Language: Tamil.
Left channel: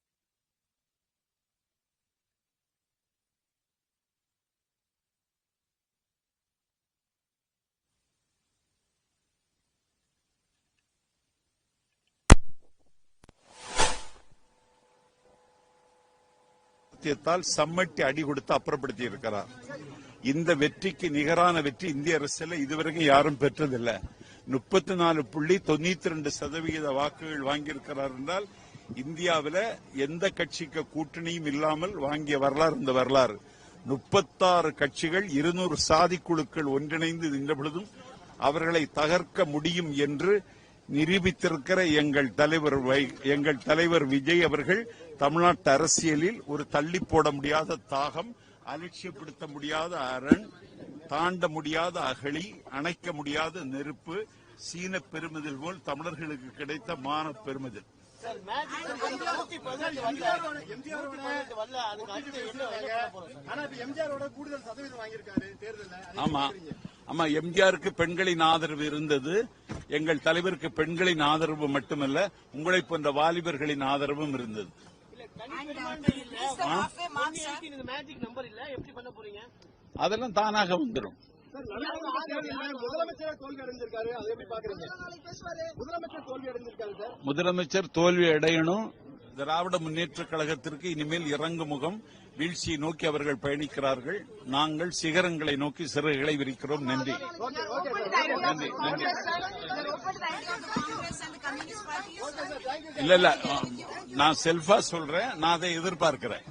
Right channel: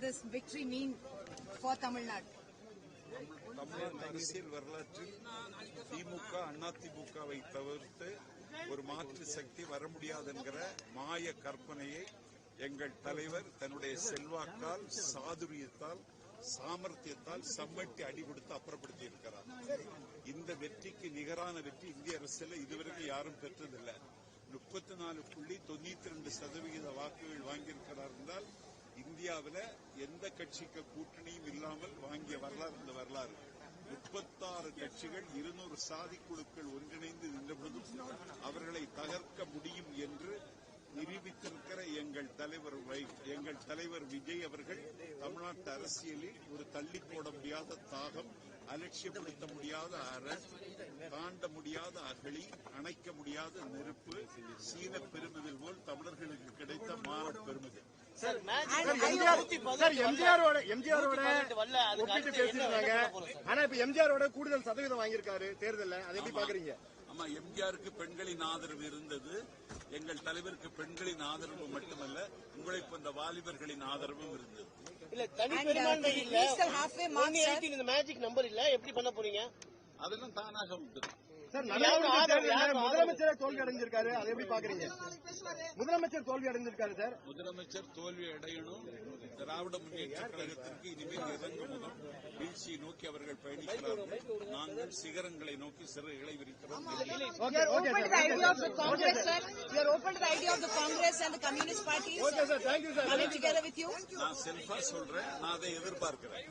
this victory mean for Tamil Nadu? தமிழ்நாட்டு அரசியல் வரலாற்றில் திமுக அதிமுகவை தவிர்த்து ஒரு மாற்று சக்தி வர முடியாது என்கிற மாய கற்பனையை எங்கள் தலைவர் தன்னுடைய செல்வாக்கால், சாதுரியத்தால், சாமர்த்தியத்தால் சம்மட்டி அடி கொடுத்து அப்புறப்படுத்தி இருக்கிறார். இந்த வெற்றிக்கு நிகரான வெற்றி இந்திய அரசியல் இதுவரைக்கும் யாரும் பெற்றதில்லை. 34.92% வாக்குகள் வாங்கியிருக்கிறார் என்றால் இந்தியாவில் எந்த கட்சிக்கு கூட்டணியும் இல்லாமல் வாங்கிய வரலாறு இந்த வரலாறு. 36 கட்சிகள் 200 சாதி குழுக்கள் ஒன்றிணைந்து நின்ற பொழுதும் அவர்களை தகர்க்க முடியும் என்று நிரூபித்திருக்கிற எங்கள் தலைவர் விஜய் அவர்கள் தமிழ்நாட்டு அரசியலில் ஒரு தள்ளி போட முடியாத தாகம், அலட்சியப்படுத்த முடியாத அரண், தாண்ட முடியாத அகழி, அணைக்க முடியாத நெருப்பு, சீன பெருமிதல் போல் தமிழர்களுக்கு கிடைத்த மான பெருமிதல். ஆமா, எம்ஜிஆருக்கு பெண்களின் ஆதரவு இருந்தது. எங்கள் தலைவருக்கு பெண்களின் ஆதரவு மட்டுமல்ல, உங்களை போன்ற வாலிபர்களின் ஆதரவும் இருந்தது. அதெல்லாம் தானாக வந்துடும். முதலமைச்சர் தோல்வி அடையணும். திராவிட முன்னேற்ற கழகத்திற்கு இனிமேல் இறங்கு முகம், வீழ்ச்சியை நோக்கி அவர்கள் பயணிக்கிறார்கள். நாங்கள் சிகரங்களை நோக்கி சிறகுகளை விரிக்கிறோம். நன்றி. இல்ல, நான் செல்ஃபா சொல்றேன். நான் அதை எதிர்பார்க்கிறேன்.